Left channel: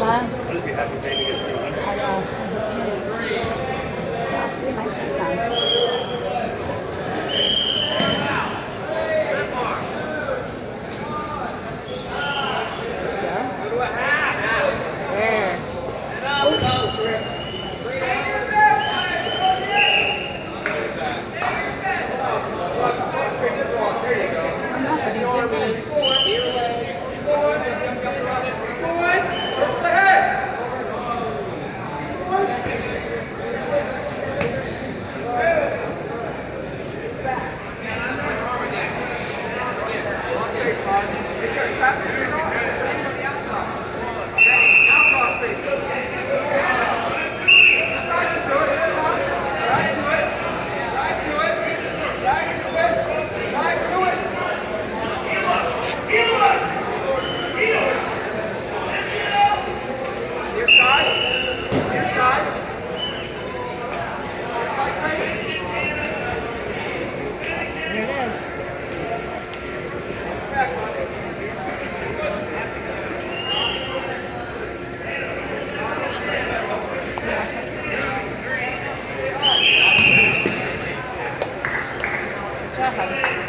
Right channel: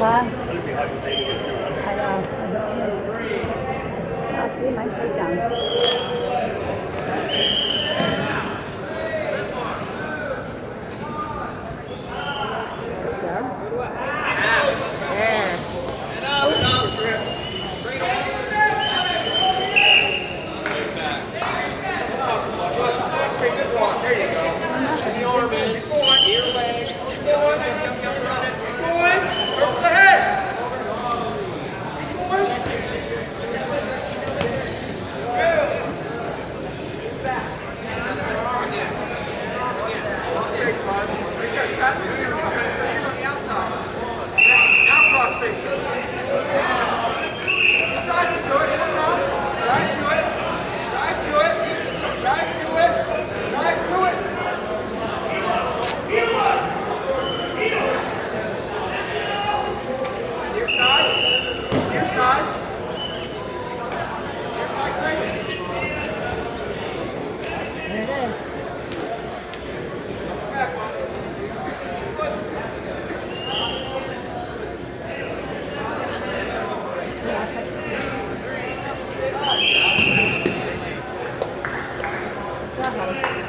Huh? Should be happy maybe gets through. I know. I'll see my seat down. There you go. And the arm in. Keep going. Ear leg. Keep going. Keep going. Circle the head. Keep going. Cross face, Todd. Right there. Trap your hand off. Have your hand on the outside. Now cross face. Drive into it. Come on. Drive to it. Drive to it. Drive to it. Drive to it. Near side. Near side. Near side, plate. Here it is. Back, Mike. Push. Go ahead.